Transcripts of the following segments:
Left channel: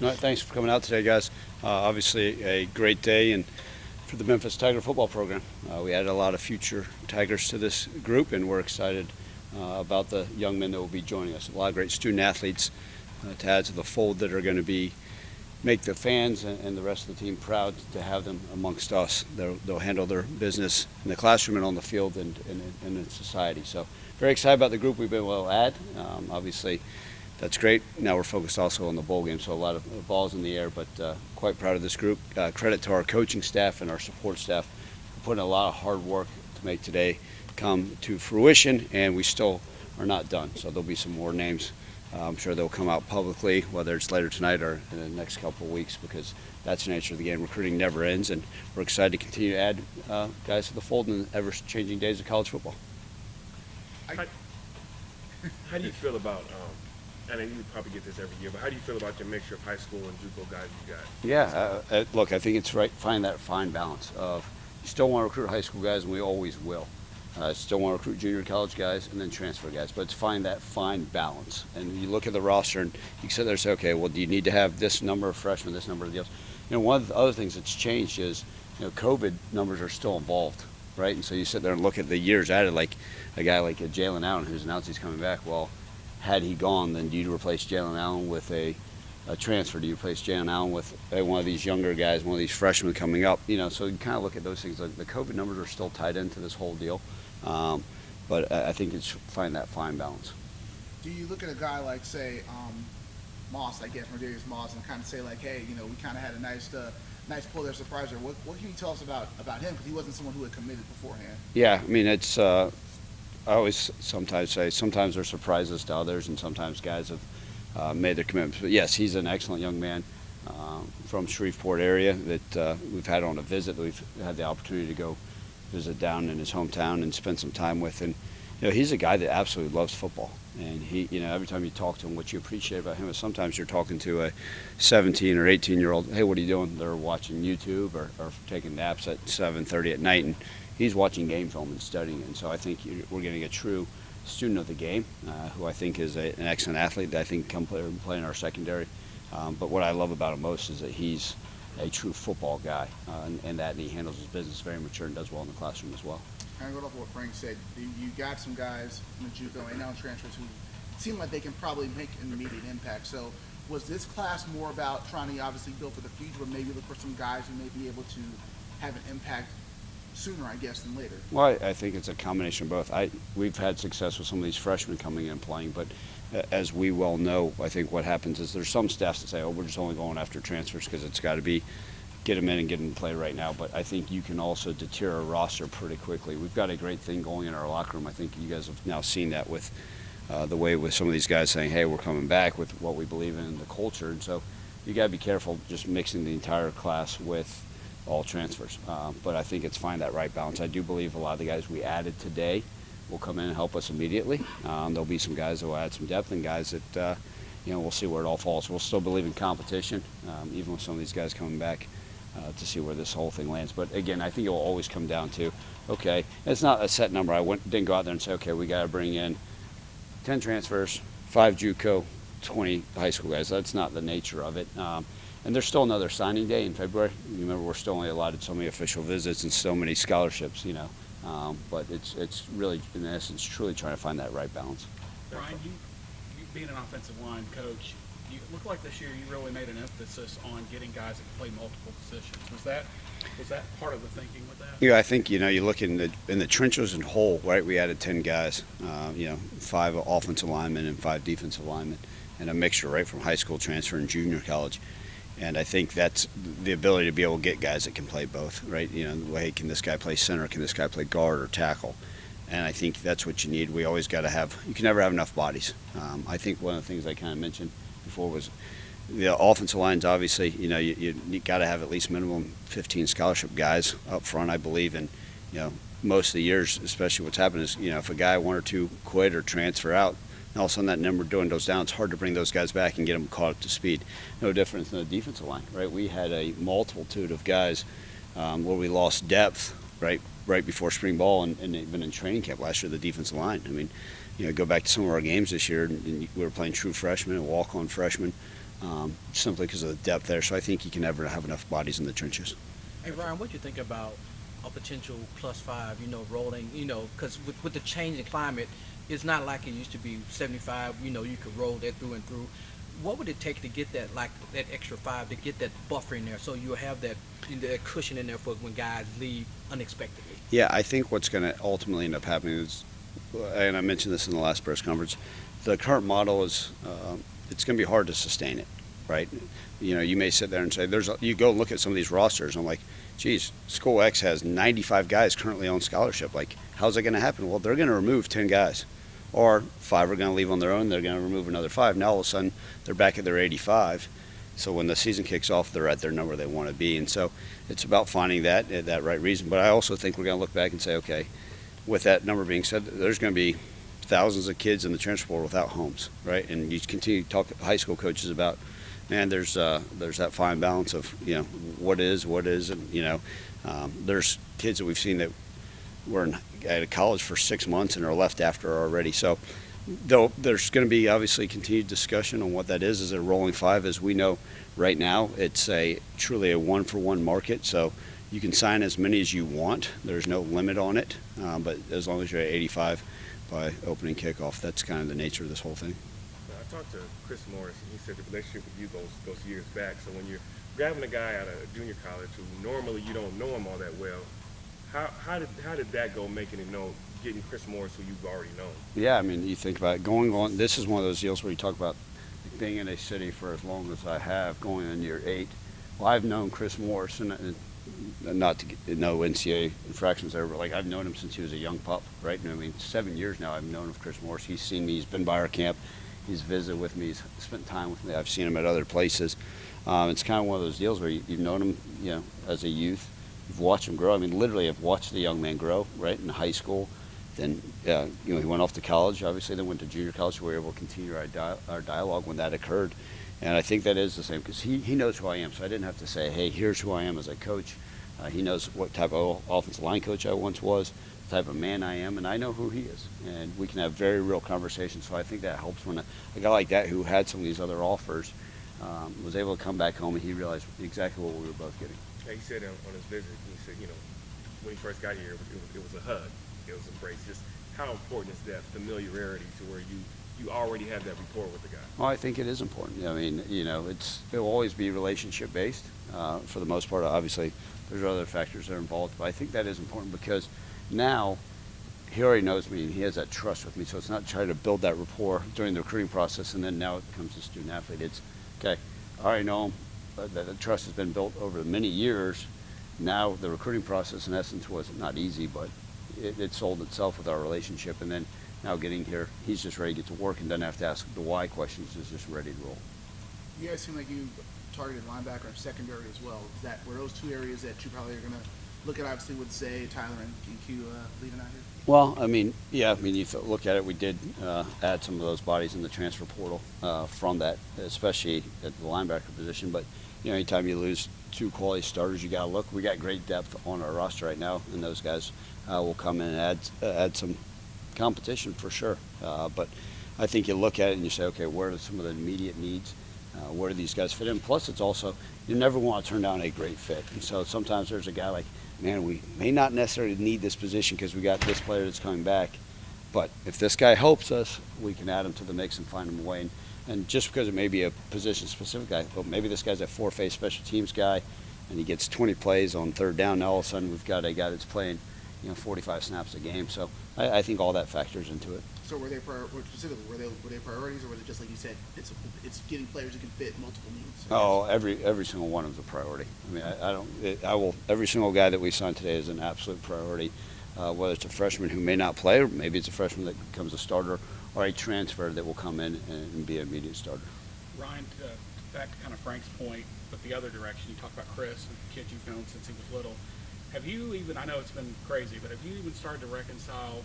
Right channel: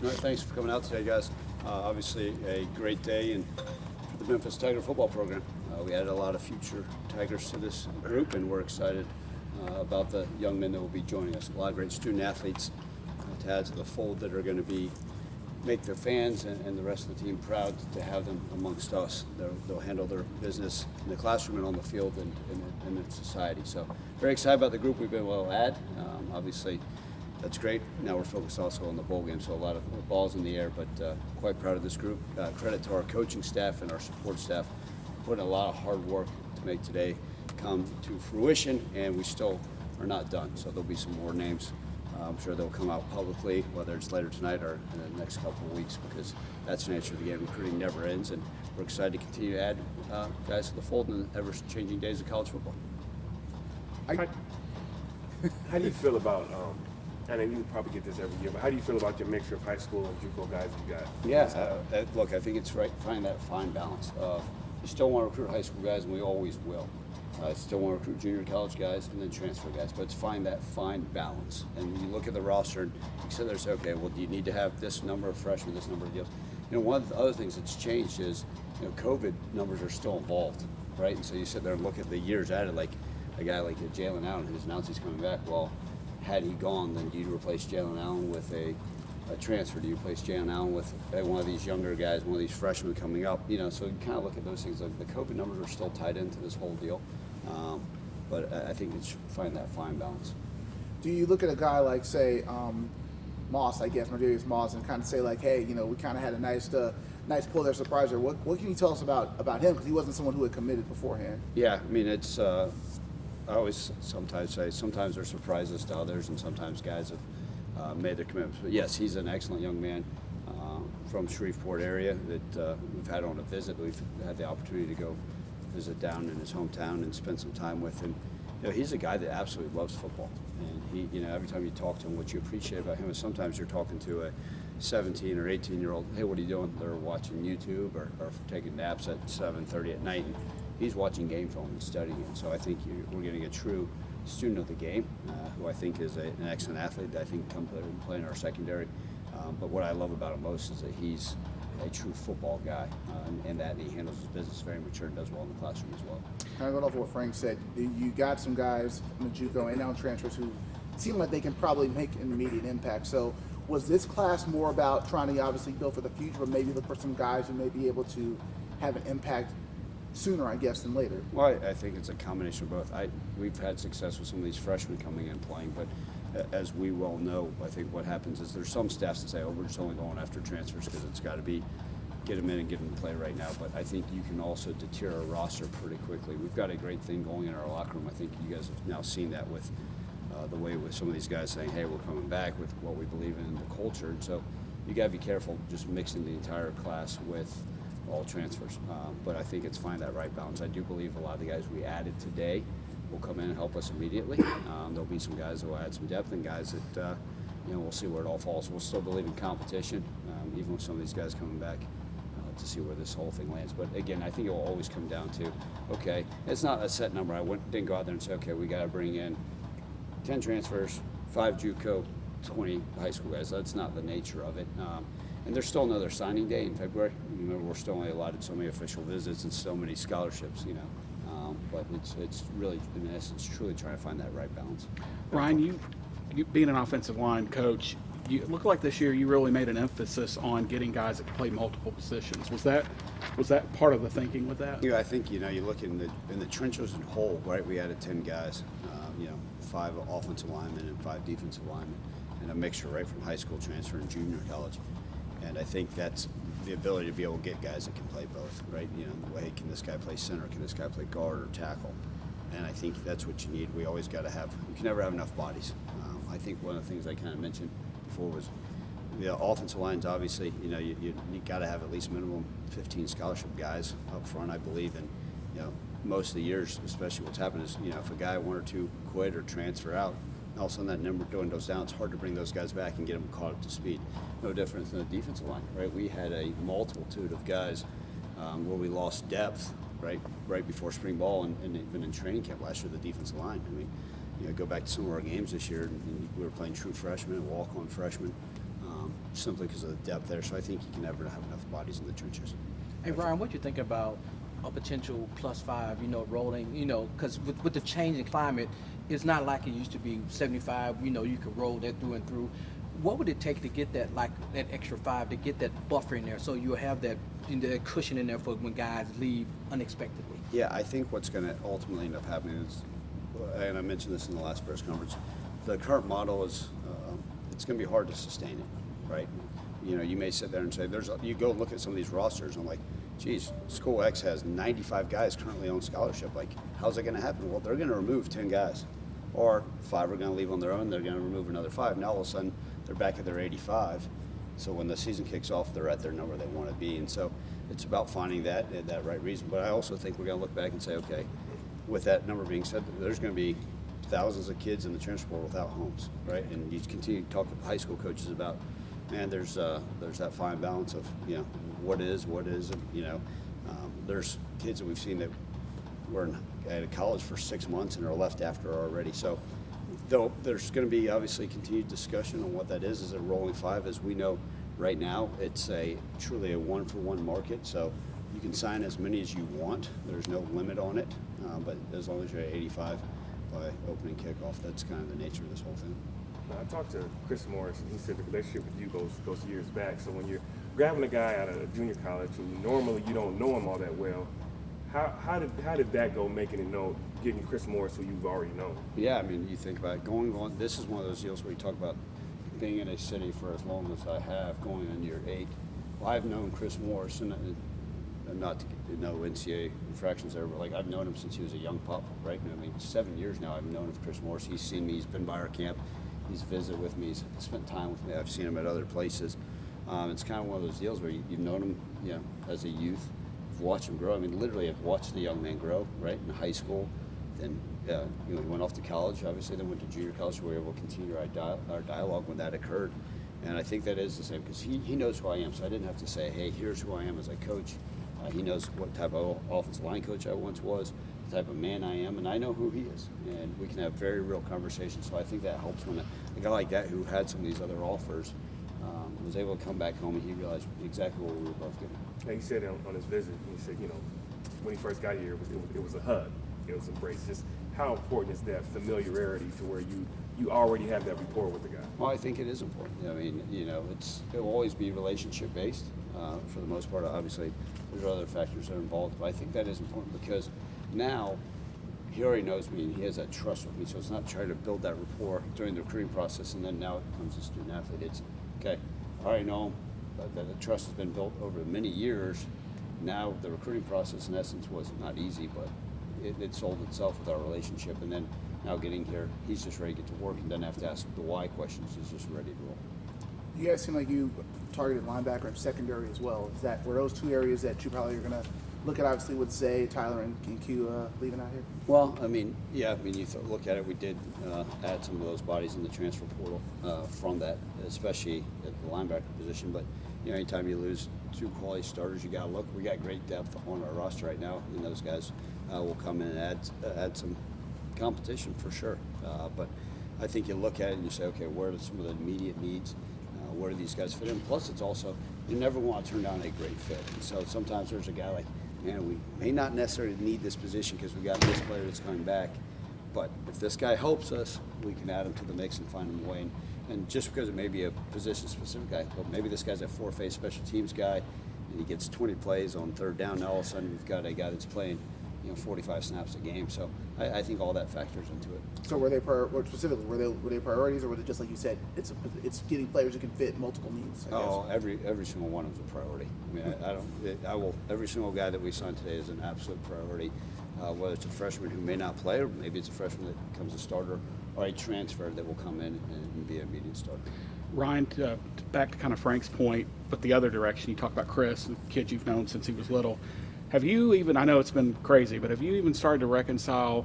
No, thanks for coming out today, guys. Obviously, a great day and for the Memphis Tiger football program. We added a lot of future Tigers to this group, and we're excited about the young men that will be joining us. A lot of great student athletes to add to the fold that are going to make the fans and the rest of the team proud to have them amongst us. They'll handle their business in the classroom and on the field and in society. So very excited about the group we've been able to add. Obviously, that's great. Now we're focused also on the bowl game, so a lot of balls in the air, but quite proud of this group. Credit to our coaching staff and our support staff for putting a lot of hard work to make today come to fruition, and we still are not done. So there'll be some more names. I'm sure they'll come out publicly, whether it's later tonight or in the next couple of weeks, because that's the nature of the game. Recruiting never ends, and we're excited to continue to add guys to the fold in the ever-changing days of college football. How do you feel about, I know you probably get this every year, but how do you feel about your mixture of high school and JUCO guys you got? Yeah, look, I think it's right, find that fine balance of you still want to recruit high school guys, and we always will. Still want to recruit junior college guys and then transfer guys, but it's find that fine balance. And you look at the roster and you sit there and say, okay, well, do you need to have this number of freshmen, this number of the others? You know, one of the other things that's changed is, you know, COVID numbers are still involved, right? And so you sit there and look at the years added, like a guy like Jalen Allen who's announced he's coming back. Well, had he gone, then do you replace Jalen Allen with a transfer? Do you replace Jalen Allen with one of these younger guys, one of these freshmen coming up? You know, so you kind of look at those things. Like the COVID numbers are still tied into this whole deal. But I think it's find that fine balance. Do you look at a guy like, say, Moss, I guess, Modarius Moss, and kind of say, like, hey, you know, we kind of had a nice pull there, surprise there. What can you tell us about him? Because he wasn't someone who had committed beforehand. Yeah, I mean, it's I always sometimes say sometimes there's surprises to others, and sometimes guys have made their commitments. But yes, he's an excellent young man from Shreveport area that we've had on a visit. We've had the opportunity to go visit down in his hometown and spend some time with him. You know, he's a guy that absolutely loves football, and he, you know, every time you talk to him, what you appreciate about him is sometimes you're talking to a 17 or 18-year-old. Hey, what are you doing? They're watching YouTube or taking naps at 7:30 at night, and he's watching game film and studying. And so I think we're getting a true student of the game, who I think is an excellent athlete that I think can play in our secondary. But what I love about him most is that he's a true football guy, and that he handles his business very mature and does well in the classroom as well. Kind of going off of what Frank said, you got some guys in the JUCO and now transfers who seem like they can probably make an immediate impact. So was this class more about trying to obviously build for the future, but maybe look for some guys who may be able to have an impact sooner, I guess, than later? Well, I think it's a combination of both. We've had success with some of these freshmen coming in and playing, but as we well know, I think what happens is there's some staffs that say, oh, we're just only going after transfers because it's got to be get them in and get them to play right now. But I think you can also deter a roster pretty quickly. We've got a great thing going in our locker room. I think you guys have now seen that with the way with some of these guys saying, hey, we're coming back with what we believe in the culture. And so you got to be careful just mixing the entire class with all transfers. But I think it's find that right balance. I do believe a lot of the guys we added today will come in and help us immediately. There'll be some guys that will add some depth and guys that, you know, we'll see where it all falls. We'll still believe in competition, even with some of these guys coming back to see where this whole thing lands. But again, I think it will always come down to, okay, it's not a set number. Didn't go out there and say, okay, we got to bring in 10 transfers, 5 JUCO, 20 high school guys. That's not the nature of it. And there's still another signing day in February. Remember, we're still only allotted so many official visits and so many scholarships, you know. But it's really, in essence, truly trying to find that right balance. Ryan, you being an offensive line coach, you look like this year you really made an emphasis on getting guys that can play multiple positions. Was that part of the thinking with that? Yeah, I think, you know, you look in the trenches and whole, right? We added 10 guys, you know, 5 offensive linemen and 5 defensive linemen, and a mixture right from high school transfer and junior college. And I think that's the ability to be able to get guys that can play both, right? You know, hey, can this guy play center? Can this guy play guard or tackle? And I think that's what you need. We always got to have – you can never have enough bodies. I think one of the things I kind of mentioned before was the offensive lines, obviously, you know, you got to have at least minimum 15 scholarship guys up front, I believe. And, you know, most of the years, especially what's happened is, you know, if a guy 1 or 2 quit or transfer out, all of a sudden that number dwindles down. It's hard to bring those guys back and get them caught up to speed. No difference in the defensive line, right? We had a multitude of guys where we lost depth right before spring ball and even in training camp last year, the defensive line. I mean, you know, go back to some of our games this year, and we were playing true freshmen and walk-on freshmen. simply because of the depth there. So I think you can never have enough bodies in the trenches. Hey, Ryan, what do you think about a potential +5, rolling, because with the change in climate, it's not like it used to be 75, you could roll that through and through. What would it take to get that, like, that extra 5, to get that buffer in there so you'll have that cushion in there for when guys leave unexpectedly? Yeah, I think what's going to ultimately end up happening is, and I mentioned this in the last press conference, the current model is, it's going to be hard to sustain it, right? You may sit there and say, you go look at some of these rosters, I'm like, geez, School X has 95 guys currently on scholarship. Like, how's that going to happen? Well, they're going to remove 10 guys. Or 5 are going to leave on their own, they're going to remove another 5. Now, all of a sudden, they're back at their 85. So when the season kicks off, they're at their number they want to be. And so it's about finding that right reason. But I also think we're going to look back and say, okay, with that number being said, there's going to be thousands of kids in the transfer portal without homes, right? And you continue to talk to high school coaches about, man, there's that fine balance of, what isn't, there's kids that we've seen that were at college for 6 months and are left after already. So there's going to be obviously continued discussion on what that is. Is it a rolling 5? As we know right now, it's truly a one-for-one market. So you can sign as many as you want. There's no limit on it. But as long as you're at 85 by opening kickoff, that's kind of the nature of this whole thing. I talked to Chris Morris, and he said the relationship with you goes years back. So when you're grabbing a guy out of junior college who normally you don't know him all that well, how did that go, getting Chris Morris who you've already known? Yeah, I mean, you think about it, going on, this is one of those deals where you talk about being in a city for as long as I have, going on year 8. Well, I've known Chris Morris, and not to get no NCAA infractions there, but like I've known him since he was a young pup, right? I mean, 7 years now I've known of Chris Morris. He's seen me, he's been by our camp, he's visited with me, he's spent time with me. I've seen him at other places. It's kind of one of those deals where you've known him, as a youth. You've watched him grow. I mean, literally, I've watched the young man grow, right, in high school. Then, he went off to college, obviously, then went to junior college. We were able to continue our dialogue when that occurred. And I think that is the same because he knows who I am. So I didn't have to say, hey, here's who I am as a coach. He knows what type of offensive line coach I once was, the type of man I am, and I know who he is. And we can have very real conversations. So I think that helps when a guy like that who had some of these other offers was able to come back home and he realized exactly what we were both getting. And he said on his visit, he said, when he first got here, it was a hug. It was a brace. Just how important is that familiarity to where you already have that rapport with the guy? Well, I think it is important. I mean, it'll always be relationship based for the most part. Obviously, there's other factors that are involved, but I think that is important because now he already knows me. He has that trust with me, so it's not trying to build that rapport during the recruiting process, and then now it becomes a student athlete. It's okay. I already know him. That the trust has been built over many years. Now the recruiting process, in essence, was not easy, but it sold itself with our relationship. And then now getting here, he's just ready to get to work and doesn't have to ask the why questions. He's just ready to roll. You guys seem like you targeted linebacker and secondary as well. Were those 2 areas that you probably are going to look at, obviously, with Zay, Tyler, and Q leaving out here? Well, I mean, yeah, you look at it, we did add some of those bodies in the transfer portal from that, especially at the linebacker position. But, anytime you lose 2 quality starters, you got to look. We got great depth on our roster right now, and those guys will come in and add some competition for sure. But I think you look at it and you say, okay, where are some of the immediate needs? Where do these guys fit in? Plus, it's also, you never want to turn down a great fit. And so sometimes there's a guy like, man, we may not necessarily need this position because we got this player that's coming back. But if this guy helps us, we can add him to the mix and find him a way. And just because it may be a position-specific guy, but maybe this guy's a 4-phase special teams guy, and he gets 20 plays on 3rd down. Now all of a sudden we've got a guy that's playing, 45 snaps a game. So I think all that factors into it. So were they specifically were they priorities, or was it just like you said, it's getting players who can fit multiple needs? Oh, every single one of them is a priority. I mean, I will. Every single guy that we signed today is an absolute priority. Whether it's a freshman who may not play, or maybe it's a freshman that becomes a starter, or a transfer that will come in and be an immediate starter. Ryan, back to kind of Frank's point, but the other direction, you talk about Chris, and kids you've known since he was little. Have you even, I know it's been crazy, but have you even started to reconcile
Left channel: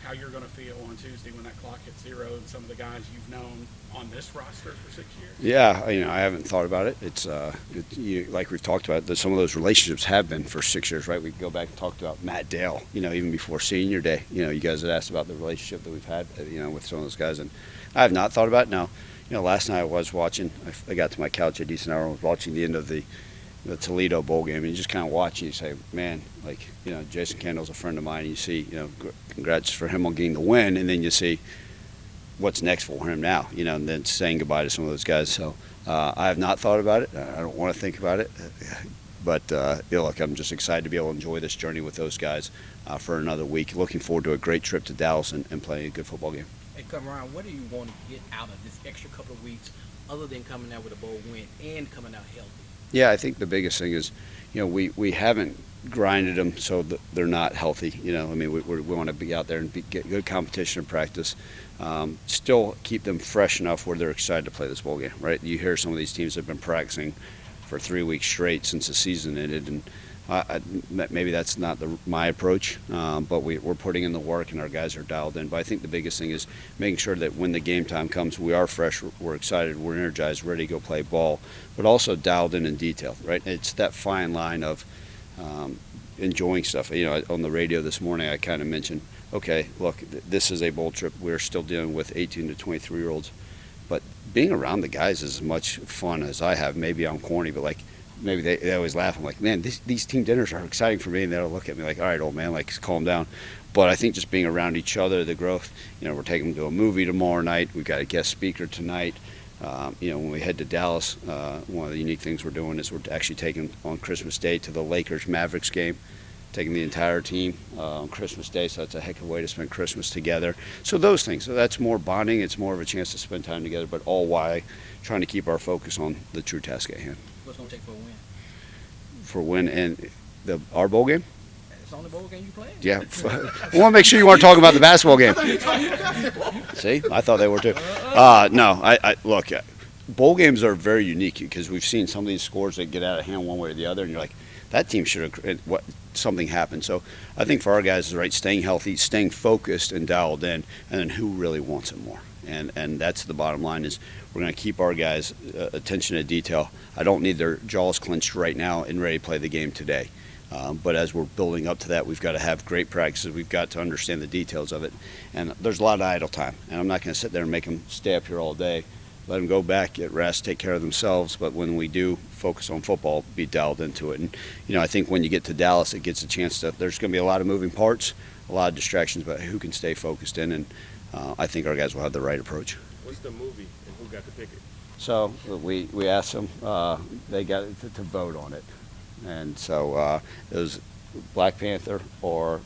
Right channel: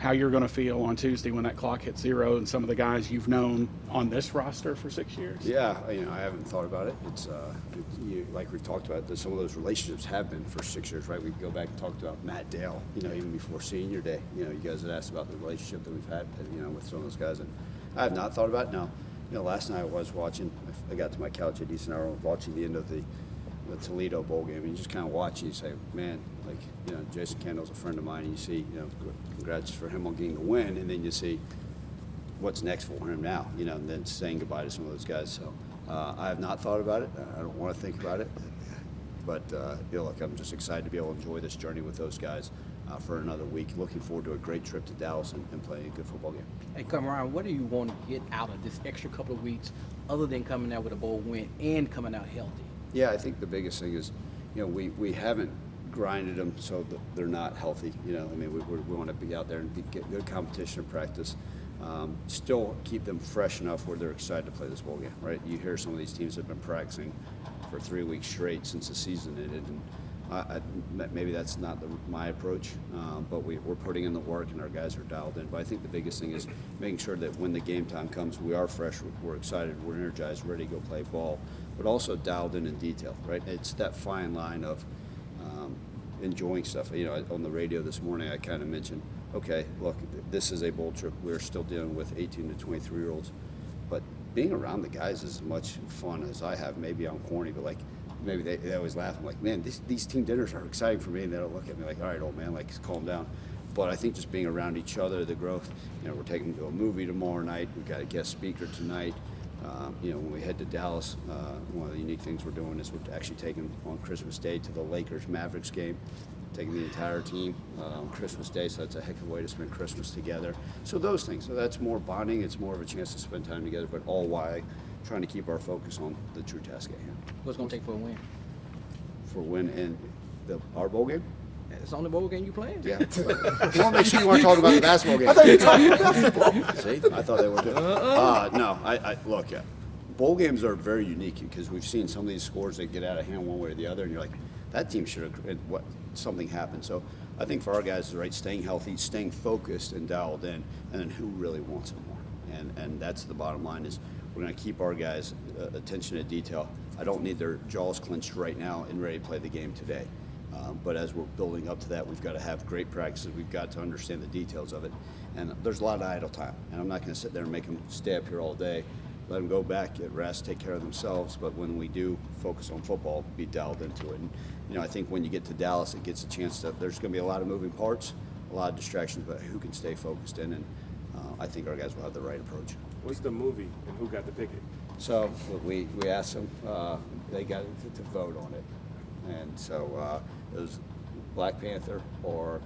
how you're going to feel on Tuesday when that clock hits 0 and some of the guys you've known on this roster for 6 years? Yeah, I haven't thought about it. It's like we've talked about, some of those relationships have been for 6 years, right? We go back and talk about Matt Dale, even before senior day. You guys had asked about the relationship that we've had, with some of those guys, and I have not thought about it. Now, last night I was watching. I got to my couch at a decent hour and was watching the end of the Toledo bowl game, and you just kind of watch and you say, man, like, Jason Kendall's a friend of mine. And you see, congrats for him on getting the win, and then you see what's next for him now, and then saying goodbye to some of those guys. So I have not thought about it. I don't want to think about it. But, look, I'm just excited to be able to enjoy this journey with those guys for another week. Looking forward to a great trip to Dallas and playing a good football game. Hey, come around. What do you want to get out of this extra couple of weeks, other than coming out with a bowl win and coming out healthy? Yeah, I think the biggest thing is, we haven't grinded them so that they're not healthy. We want to be out there and get good competition and practice. Still keep them fresh enough where they're excited to play this bowl game, right? You hear some of these teams have been practicing for 3 weeks straight since the season ended, and maybe that's not my approach, but we're putting in the work and our guys are dialed in. But I think the biggest thing is making sure that when the game time comes, we are fresh, we're excited, we're energized, ready to go play ball, but also dialed in detail, right? It's that fine line of enjoying stuff. On the radio this morning, I kind of mentioned, okay, look, this is a bowl trip. We're still dealing with 18 to 23-year-olds, but being around the guys is as much fun as I have. Maybe I'm corny, but maybe they always laugh. I'm like, man, these team dinners are exciting for me, and they'll look at me like, all right, old man, calm down. But I think just being around each other, the growth. We're taking them to a movie tomorrow night. We've got a guest speaker tonight. When we head to Dallas, one of the unique things we're doing is we're actually taking on Christmas Day to the Lakers-Mavericks game, taking the entire team on Christmas Day, so that's a heck of a way to spend Christmas together. So those things, so that's more bonding. It's more of a chance to spend time together, but all while trying to keep our focus on the true task at hand. What's going to take for a win? For a win and our bowl game? It's on the bowl game you playing? Yeah. I want to make sure you want to talk about the basketball game. See, I thought they were too. No, I look, bowl games are very unique because we've seen some of these scores that get out of hand one way or the other, and you're like, that team should have, something happened. So I think for our guys, right, staying healthy, staying focused and dialed in, and then who really wants it more. And that's the bottom line is we're going to keep our guys' attention to detail. I don't need their jaws clenched right now and ready to play the game today. But as we're building up to that, we've got to have great practices. We've got to understand the details of it. And there's a lot of idle time. And I'm not going to sit there and make them stay up here all day. Let them go back, get rest, take care of themselves. But when we do focus on football, be dialed into it. And, I think when you get to Dallas, it gets a chance to, there's going to be a lot of moving parts, a lot of distractions, but who can stay focused in. And I think our guys will have the right approach. What's the movie and who got to pick it? So we asked them, they got to vote on it. And so it was Black Panther or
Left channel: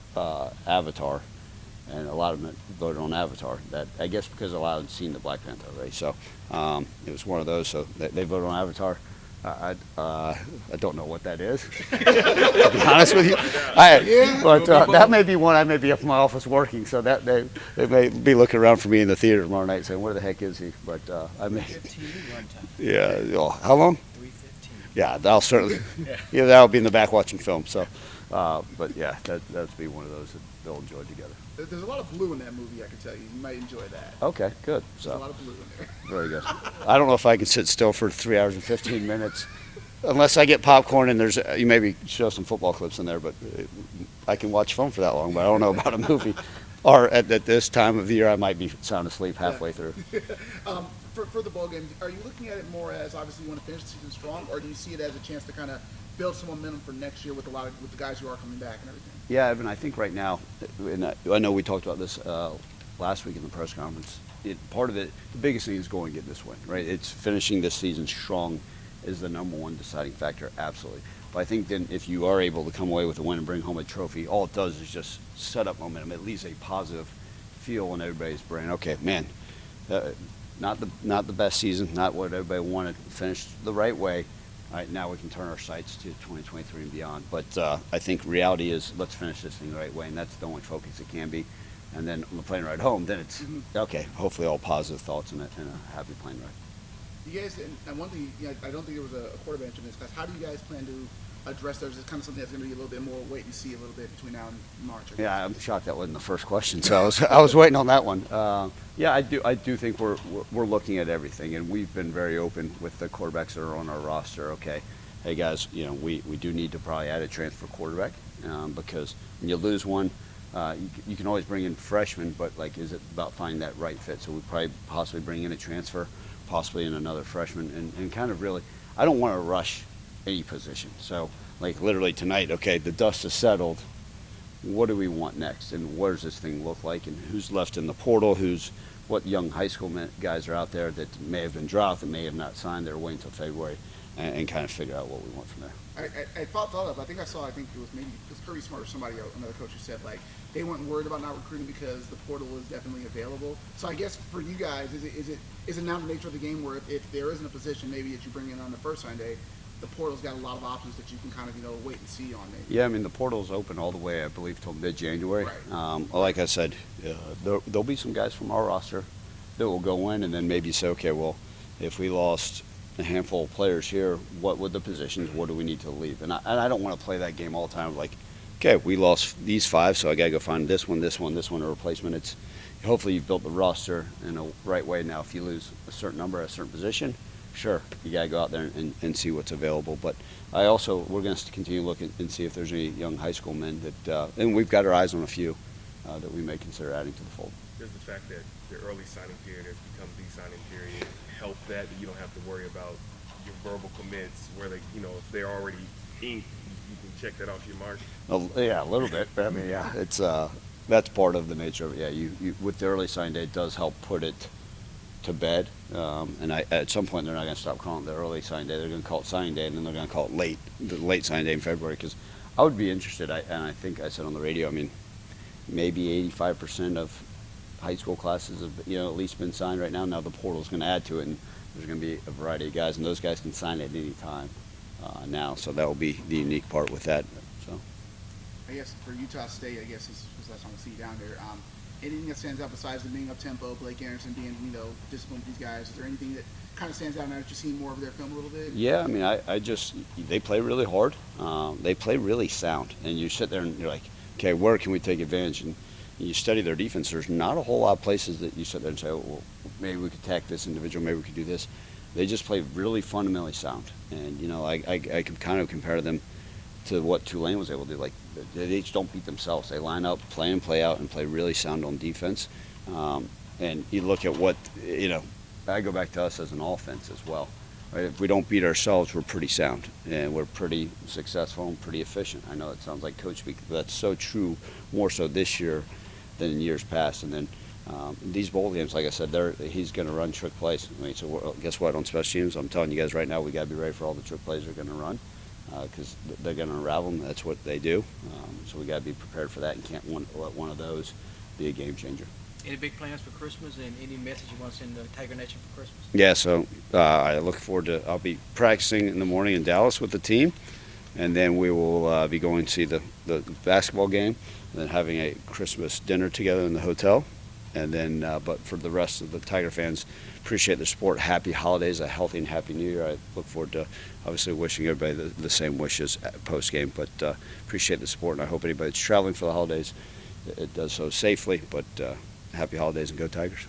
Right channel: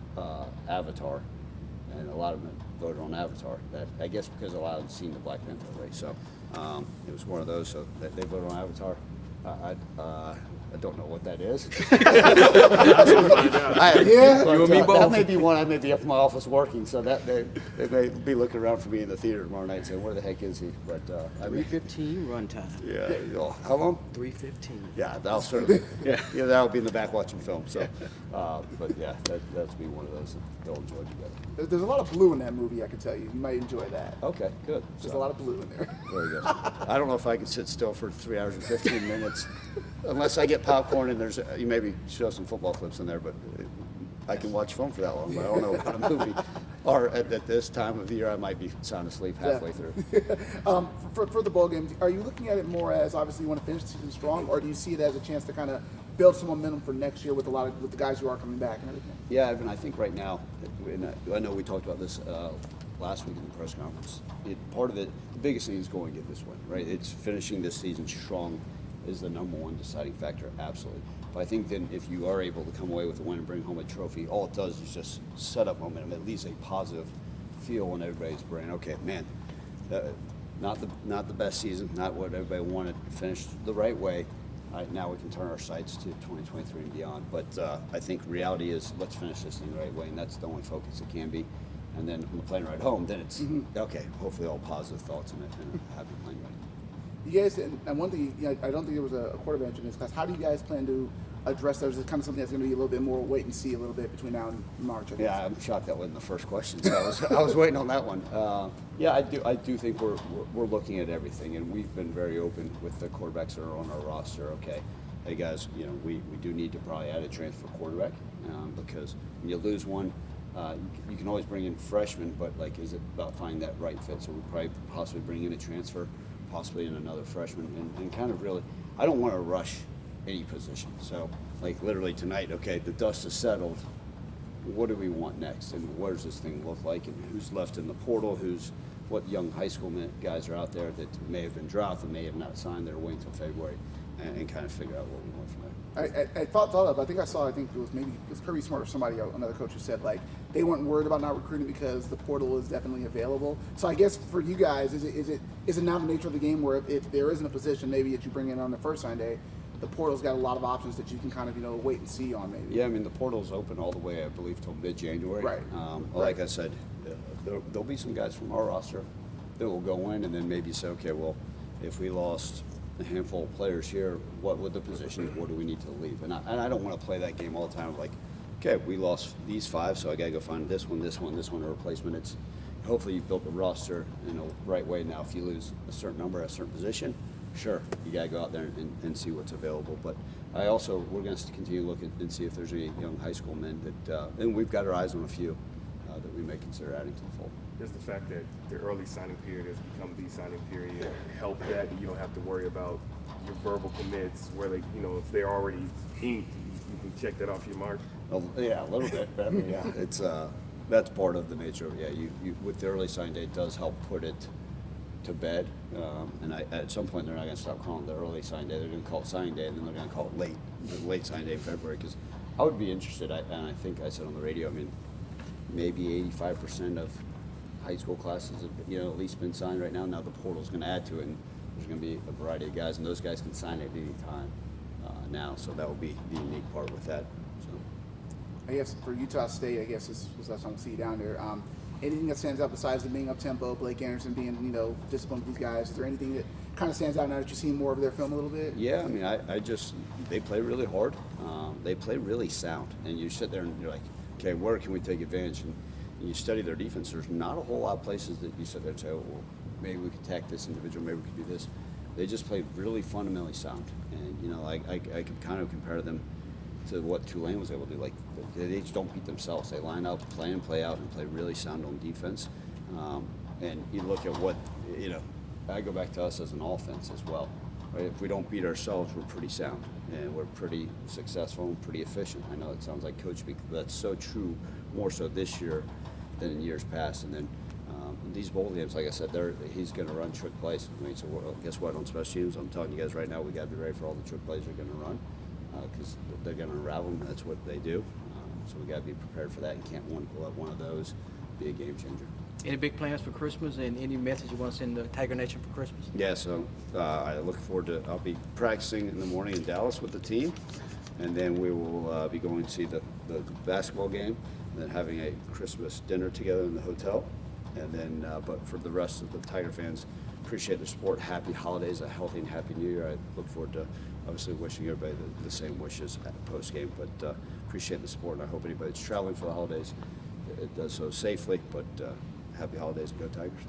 Avatar. And a lot of them voted on Avatar. That, I guess because a lot had seen the Black Panther already. So it was one of those. So they voted on Avatar. I don't know what that is. To be honest with you. That may be one I may be up in my office working, so that they may be looking around for me in the theater tomorrow night saying, where the heck is he? But I mean, 3:15 run time. yeah. How long? 3:15. Yeah, I'll certainly. Yeah, that'll be in the back watching film. So, but yeah, that'd be one of those that they'll enjoy together. There's a lot of blue in that movie, I can tell you. You might enjoy that. Okay, good. There's a lot of blue in there. Very good. I don't know if I can sit still for 3 hours and 15 minutes, unless I get popcorn and you maybe show some football clips in there, but I can watch film for that long, but I don't know about a movie. Or at this time of year, I might be sound asleep halfway through. For the bowl games, are you looking at it more as obviously you want to finish the season strong, or do you see it as a chance to kind of build some momentum for next year with with the guys who are coming back and everything? Yeah, Evan, I think right now, and I know we talked about this last week in the press conference. Part of it, the biggest thing is going to get this win, right? It's finishing this season strong is the number one deciding factor, absolutely. But I think then if you are able to come away with a win and bring home a trophy, all it does is just set up momentum. It leaves a positive feel in everybody's brain. Okay, man, not the best season, not what everybody wanted, finished the right way. All right, now we can turn our sights to 2023 and beyond. But I think reality is let's finish this thing the right way, and that's the only focus it can be. And then on the plane ride home, then it's, okay, hopefully all positive thoughts and a happy plane ride. You guys, and one thing, I don't think there was a quarterback in this class. How do you guys plan to address those? Is it kind of something that's going to be a little bit more wait and see a little bit between now and March? I guess? Yeah, I'm shocked that wasn't the first question, so I was waiting on that one. Yeah, I do think we're looking at everything, and we've been very open with the quarterbacks that are on our roster. Okay, hey guys, we do need to probably add a transfer quarterback because when you lose one, you can always bring in freshmen, but is it about finding that right fit? So we probably possibly bring in a transfer, possibly in another freshman, and kind of really, I don't want to rush any position. So, like literally tonight, okay, the dust has settled. What do we want next, and what does this thing look like, and who's left in the portal, what young high school guys are out there that may have been dropped and may have not signed, they're waiting until February, and kind of figure out what we want from there. I thought of, I think it was Kirby Smart or somebody, another coach who said, like, they weren't worried about not recruiting because the portal is definitely available. So I guess for you guys, is it now the nature of the game where if there isn't a position maybe that you bring in on the first sign day, the portal's got a lot of options that you can kind of, wait and see on maybe? Yeah, I mean, the portal's open all the way, I believe, till mid-January. Right. Like I said, there'll be some guys from our roster that will go in and then maybe say, okay, well, if we lost a handful of players here, what would the positions, what do we need to leave? And I don't want to play that game all the time, like, okay, we lost these 5, so I got to go find this one, a replacement. It's hopefully you've built the roster in a right way. Now, if you lose a certain number at a certain position, sure, you got to go out there and see what's available. But we're going to continue to look and see if there's any young high school men that, and we've got our eyes on a few that we may consider adding to the fold. Does the fact that the early signing period has become the signing period help that you don't have to worry about your verbal commits where they, if they're already inked, you can check that off your mark? Yeah, a little bit. I mean, yeah, it's that's part of the nature of it. Yeah, you with the early sign day, it does help put it to bed. And at some point, they're not going to stop calling it the early sign day. They're going to call it signing day, and then they're going to call it the late sign day in February. Because I would be interested, and I think I said on the radio, I mean, maybe 85% of high school classes have, at least been signed right now. Now the portal's going to add to it, and there's going to be a variety of guys, and those guys can sign at any time now. So that will be the unique part with that. So I guess for Utah State, I guess is that's what I see down there. Anything that stands out besides them being up tempo, Blake Anderson being, disciplined with these guys? Is there anything that kind of stands out now that you're seeing more of their film a little bit? yeah, I mean, they play really hard. They play really sound, and you sit there and you're like, okay, where can we take advantage? And you study their defense. There's not a whole lot of places that you sit there and say, oh, well, maybe we could attack this individual, maybe we could do this. They just play really fundamentally sound, and I could kind of compare them to what Tulane was able to do. Like, they each don't beat themselves. They line up, play and play out, and play really sound on defense. And you look at what, I go back to us as an offense as well. Right? If we don't beat ourselves, we're pretty sound, and we're pretty successful and pretty efficient. I know it sounds like coach speak, but that's so true, more so this year than in years past. And then these bowl games, like I said, he's going to run trick plays. I mean, so guess what? On special teams, I'm telling you guys right now, we got to be ready for all the trick plays they're going to run. Because they're going to unravel them. That's what they do. So we got to be prepared for that and can't let one of those be a game changer. Any big plans for Christmas and any message you want to send to Tiger Nation for Christmas? Yeah, so I look forward to, I'll be practicing in the morning in Dallas with the team, and then we will be going to see the basketball game, and then having a Christmas dinner together in the hotel. And then, but for the rest of the Tiger fans, appreciate the support. Happy holidays, a healthy and happy New Year. I look forward to obviously wishing everybody the same wishes post game, but appreciate the support, and I hope anybody that's traveling for the holidays it does so safely. But happy holidays and go Tigers.